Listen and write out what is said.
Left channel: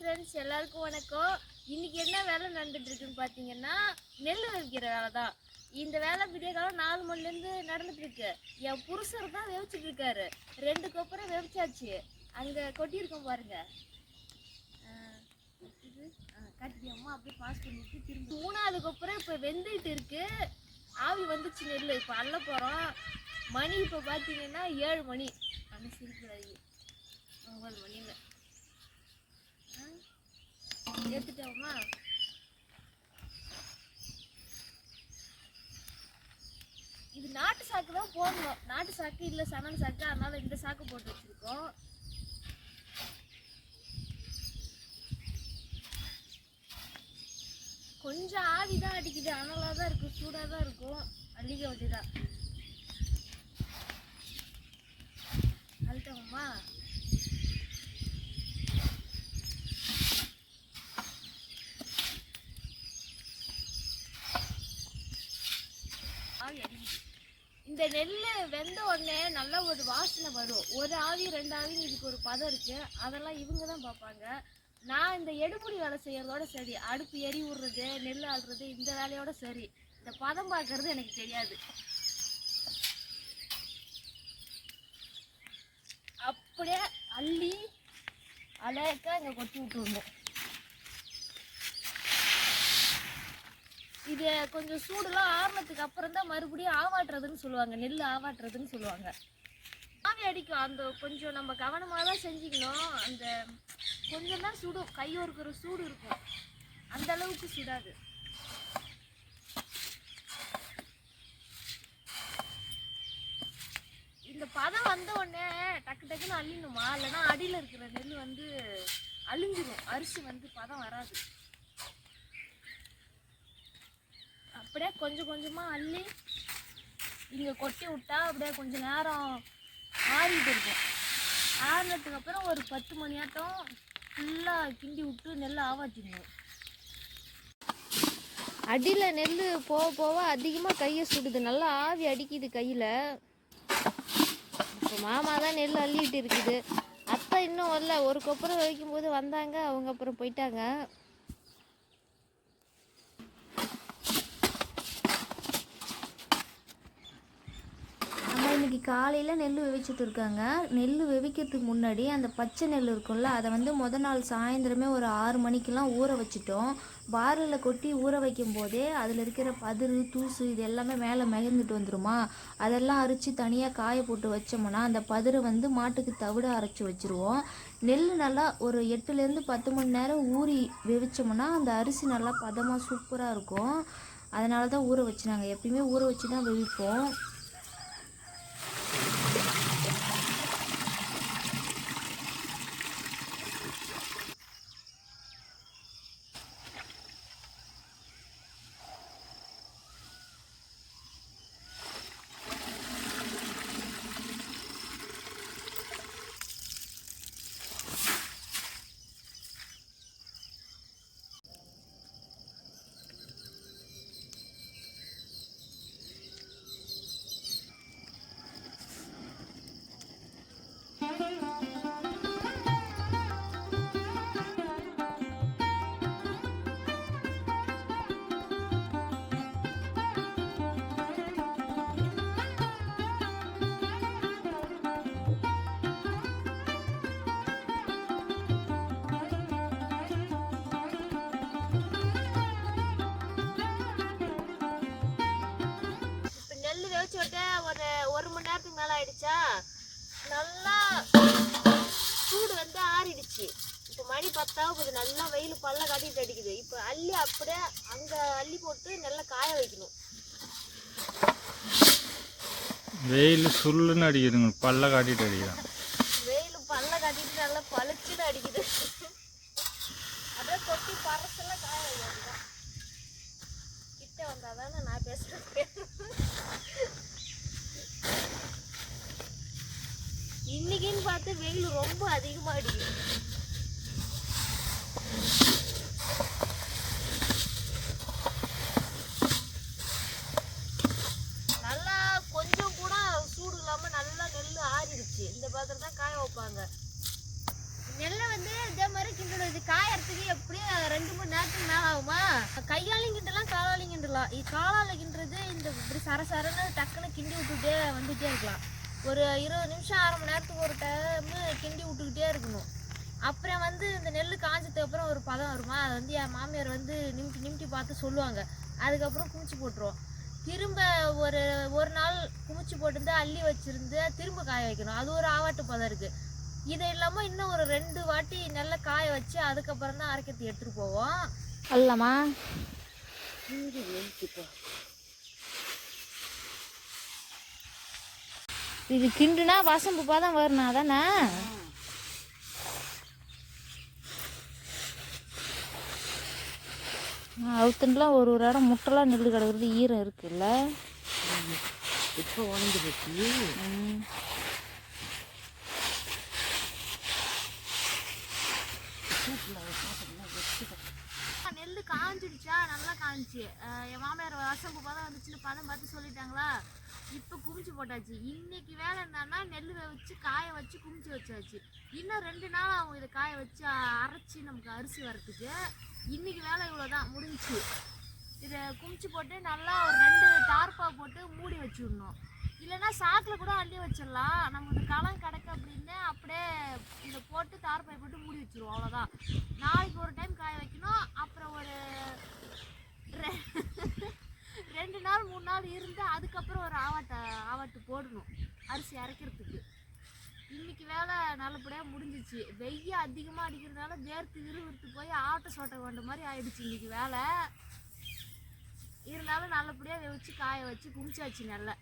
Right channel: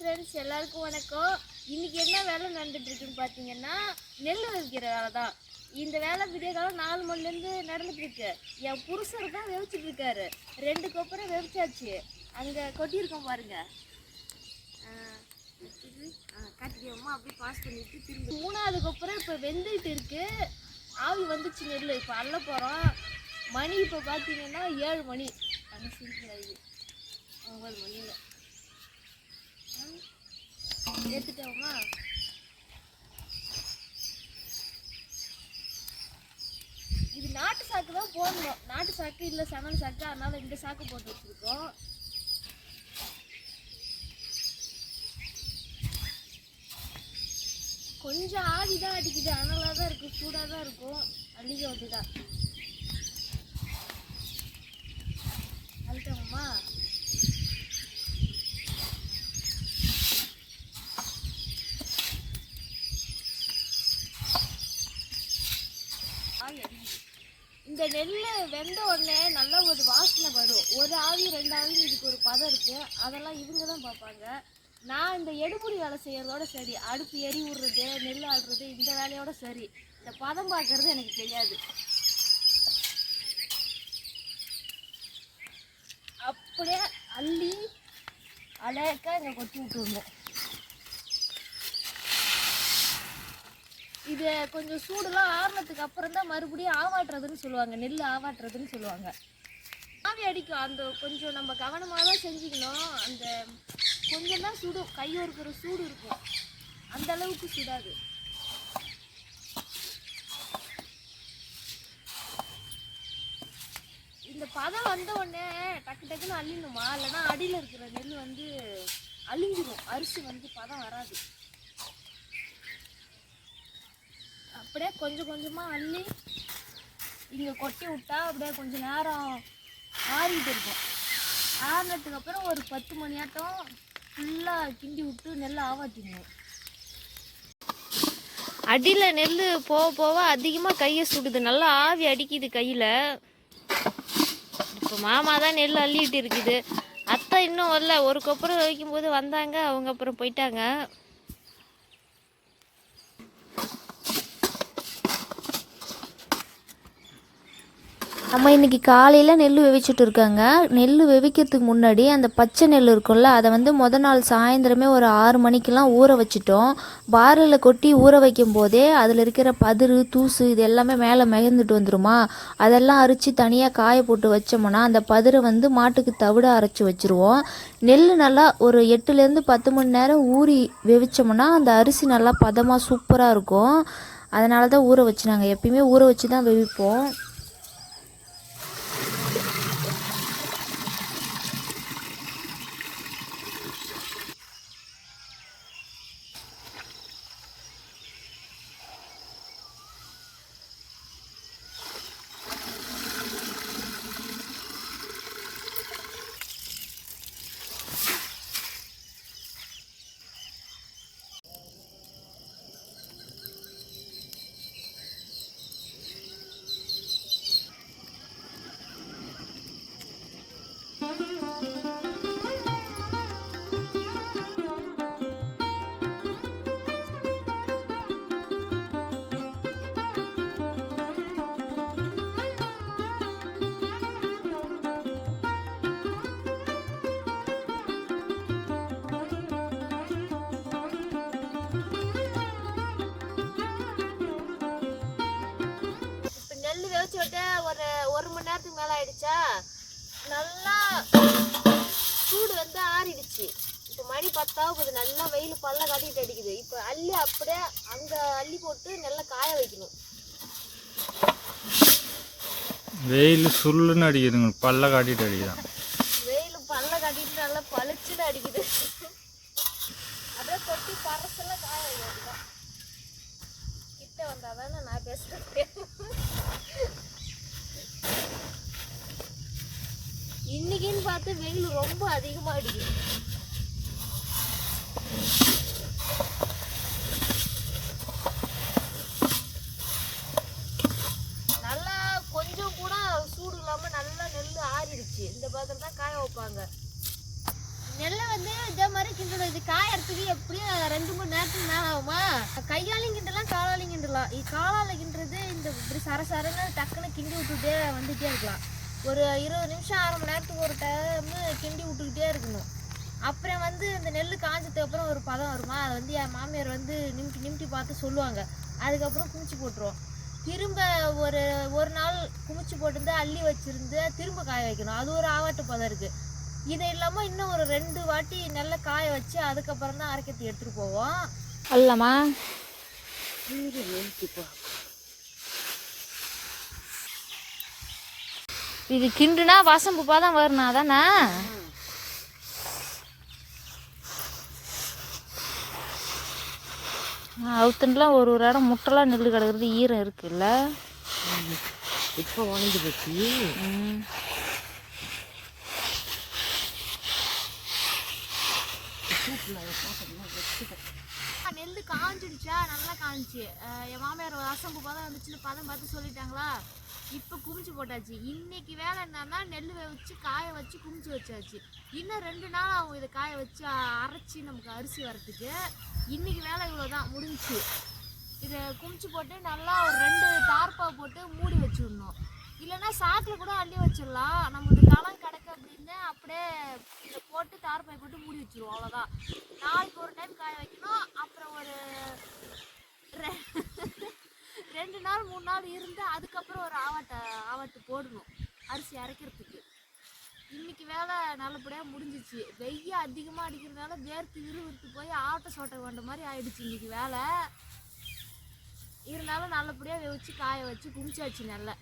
Friends எல்லாருக்கும் வணக்கம். இன்னைக்கு என்ன வேலை நடந்துட்டுருக்குன்னு பார்த்தீங்கன்னா நெல் விதைக்கிற வேலை தான் இந்த வேலை விடிய காலம் நாலு மணிலேருந்து நடந்துட்டு இருக்கு. என் புருஷர் தான் வெவிச்சிட்டு இருக்காரு. ரெண்டு கொப்பரம் வெவிச்சாச்சு அங்கே கொட்டியிருக்கோம் பாருங்க. காட்டிக்கோமா அப்படியே பாஸ் பண்ணிட்டு திரும்ப. மூணாவது கொப்பரம் இப்போ வெந்துட்டு இருக்கு. ஆவி வந்துச்சு நெல் இப்போ அள்ள போகிறோம் மணி இப்போ பார்த்தீங்கன்னா ஏழு மணி. அந்த சிரிப்பு ஒம்பது மணியில். ஏற்றுட்டோமா இது நாட்டு சாக்கு தான் போடணும். நாட்டு சாக்கு இல்லை சணல் சாக்கு. அதனால இந்த சாக்கு போட்டு வச்சிருக்கோம். கொஞ்சம் ஆவி தான் அடிக்குது. அனலாக தான் இருக்கும். சூடாக தான் இருக்கும். அள்ளிக்க வேண்டியதான் அழுத்தமா ஆவி அடிக்குது இந்த நெல் வெந்த உடனே நல்ல ஒரு வாசனை வரும். ஒரு ஆவி ரெண்டு ஆவி இதுக்கு ஒரு பதம் இருக்கு. அதெல்லாம் இவங்க தான் பார்ப்பாங்க. நான் இந்த எடுபுடி வேலை செய்யறதோட சரி. அடுப்பு எரி விடுறது நெல் ஆடுறது இந்த வேலையோட சரி. இந்த பதம் பார்க்கறது எனக்கு தெரியாது. அப்படியே அள்ளி அழகா இங்கே கொட்டி விட்டுருந்தேன் இது கொஞ்சம் சூடுலாம் ஆறுனதுக்கு அப்புறம் தான் மறுபடியும் ஆவாட்டுறதுன்னு சொல்லுவாங்க. நெல் ஆவாட்டுறதுன்னு சொல்லுவாங்க. ஆவி அடிக்கும். அந்த கொஞ்சம் நம்ம கவனமாக தான் செஞ்சுக்கணும். அந்த கொஞ்சம் தான் சுடும் கையோருக்கிற சூடு இருக்கும். அந்த அளவுக்கு சுடாது. இந்த பதம் வந்த உடனே டக்கு டக்குன்னு அள்ளிடணுமா? இல்லைன்னா அடியில் இருக்கிற நெல் வந்து அழிஞ்சிடும் அரிசி வந்து பதம் வராது. அப்படியே கொஞ்சம் கொஞ்சமாக அள்ளி இங்கே கொட்டி விட்டா அப்படியே கொஞ்சம் நேரம் ஆறிட்டு இருக்கும். ஆறினதுக்கப்புறம் ஒரு பத்து மணி ஆட்டம் ஃபுல்லாக கிண்டி விட்டு நெல் ஆவாட்டிடணும். அடியில் நெல் போக போக அதிகமாக கையை சுடுது. நல்லா ஆவி அடிக்குது கையில். இப்போ மாமா தான் நெல் அள்ளிட்டு இருக்குது. அத்தை இன்னும் வரல. ஒரு கொப்பரை வைக்கும்போது வந்தாங்க. அவங்க அப்புறம் போயிட்டாங்க. நம்ம இன்னைக்கு காலையில் நெல் வெவிச்சுட்டு இருக்காங்க. நெல் வெவிக்கிறதுக்கு முன்னாடி அந்த பச்சை நெல் இருக்கும்ல அதை வந்து முத நாள் சாயந்தரமே ஒரு ஆறு மணிக்கெலாம் ஊற வச்சுட்டோம். பாரில் கொட்டி ஊற வைக்கும் போதே அதில் இருக்கிற பதிரு தூசு இது எல்லாமே மேலே மிகந்துட்டு வந்துருமா? அதெல்லாம் அரிச்சு தனியாக காய போட்டு வச்சோம்னா அந்த பதிரை வந்து மாட்டுக்கு தவிட அரைச்சி வச்சுருவோம். நெல் நல்லா ஒரு எட்டுலேருந்து பத்து மணி நேரம் ஊறி வெவிச்சோம்னா அந்த அரிசி நல்லா பதமாக சூப்பராக இருக்கும். அதனால தான் ஊற வச்சு நாங்கள் எப்பயுமே ஊற வச்சு தான் வெவிப்போம். நேரத்துக்கு மேலே ஆயிடுச்சா? நல்லா சூடு வந்து ஆறிடுச்சு. இப்போ மணி பத்தாவது நல்லா வெயில் பல்ல காட்டிட்டு அடிக்குது. இப்போ அள்ளி அப்படியே அங்கே அள்ளி போட்டு நல்லா காய வைக்கணும். வெயில் சுள்ளுன்னு அடிக்குதுங்க. பல்ல காட்டிட்டு அடிக்குதான். வெயில் பல்ல காட்டிட்டு நல்லா பளிச்சுன்னு அடிக்குது. அப்படியே கொட்டி பறசெல்லாம் காய வைக்கிறதுதான் கிட்ட வந்தாதானே நான் பேசுறேன். இன்னைக்குன்னு பார்த்து வெயில் ரொம்ப அதிகமாக அடிக்குது. நல்லா கொஞ்சம் கூட சூடு இல்லாமல் நல்லா நெல் ஆறிடுச்சு. இந்த பாத்திரம் தான் காய வைப்பாங்க. நெல்லை வந்து இதே மாதிரி கிண்டணும் இது காயறதுக்கு எப்படியும் ரெண்டு மூணு நேரத்துக்கு மேலே ஆகுமா? கையாலையும் கிண்டலாம் காலாலையும் கிண்டலாம். இது காலால் கிண்டுறது இந்த இப்படி சர சரன்னு டக்குன்னு கிண்டி விட்டுட்டே வந்துட்டே இருக்கலாம். ஒரு இருபது நிமிஷம் அரை மணி நேரத்துக்கு ஒரு டைம் கிண்டி விட்டுக்கிட்டே இருக்கணும். அப்புறம் வந்து இந்த நெல் காஞ்சதுக்கு அப்புறம் ஒரு பதம் வருமா? அதை வந்து என் மாமியார் வந்து நிமிட்டி நிமிட்டி பார்த்து சொல்லுவாங்க. அதுக்கப்புறம் குமிச்சு போட்டுருவோம். திரும்ப ஒரு ஒரு நாள் குமிச்சு போட்டு அள்ளி வச்சிருந்து திரும்ப காய வைக்கணும். அது ஒரு ஆவாட்டு பதம் இருக்குது இது இல்லாமல் இன்னும் ஒரு ரெண்டு வாட்டி நல்லா காய வச்சு அதுக்கப்புறம் தான் அரைக்கத்தி எடுத்துகிட்டு போவோம். அல்லமா இது கிண்டுனா வசம்பு பாதம் வரணும் அதானே? அவுத்துண்டுலாம் ஒரு ஒரு இடம் முட்டைலாம் நெல் கிடக்குறது ஈரம் இருக்குல்ல? இப்போ உணர்ந்து போச்சு. ம். காஞ்சிடுச்சா? நல்லா காஞ்சிச்சு. என் மாமியார் வசம்பு பதம் வந்துச்சுன்னு பதம் பார்த்து சொல்லிட்டாங்களா? இப்போ குமிச்சு போட்டாச்சு. இன்னைக்கு வேலை என்னன்னா நெல் வச்சு காய வச்சு குமிச்சு வச்சாச்சு. இன்னும் ரெண்டு நாள் ஆகும் இதை காய வச்சு அரைச்சி நமக்கு அரிசி வரத்துக்கு இன்னைக்கு வேலை இவ்வளோதான் முடிஞ்சுச்சு. இதை குமிச்சு போட்டு நல்லா ஒரு ரெண்டு டார்ப்பா போட்டு மூடி வச்சுடணும். இல்லைன்னா சாக்கில் கூட அள்ளி வச்சிடலாம். நமக்கு களம் கிடக்கு அப்படின்னு அப்படியே இதை போட்டு தார்பாய் போட்டு மூடி வச்சிருவோம் அவ்வளோதான் நாளைக்கு ஒரு டைம் காய வைக்கணும். அப்புறம் ஒரு ரெ- ரெண்டு நாள் மூணு நாள் இருந்து அதுக்கப்புறம் ஒரு ஆவாட்டை ஆவாட்டு போடணும் அரிசி அரைக்கிறதுக்கு. இன்னைக்கு வேலை நல்லபடியாக முடிஞ்சிச்சு. வெய்ய அதிகமாக அடிக்கிறதுனால வேர்த்து விறுவிறுத்து போய் ஆட்டை சோட்டை வேண்ட மாதிரி ஆயிடுச்சு இன்னைக்கு வேலை. இருந்தாலும் நல்லபடியாக வெவிச்சு காய வச்சு குமிச்சாச்சு நல்லா.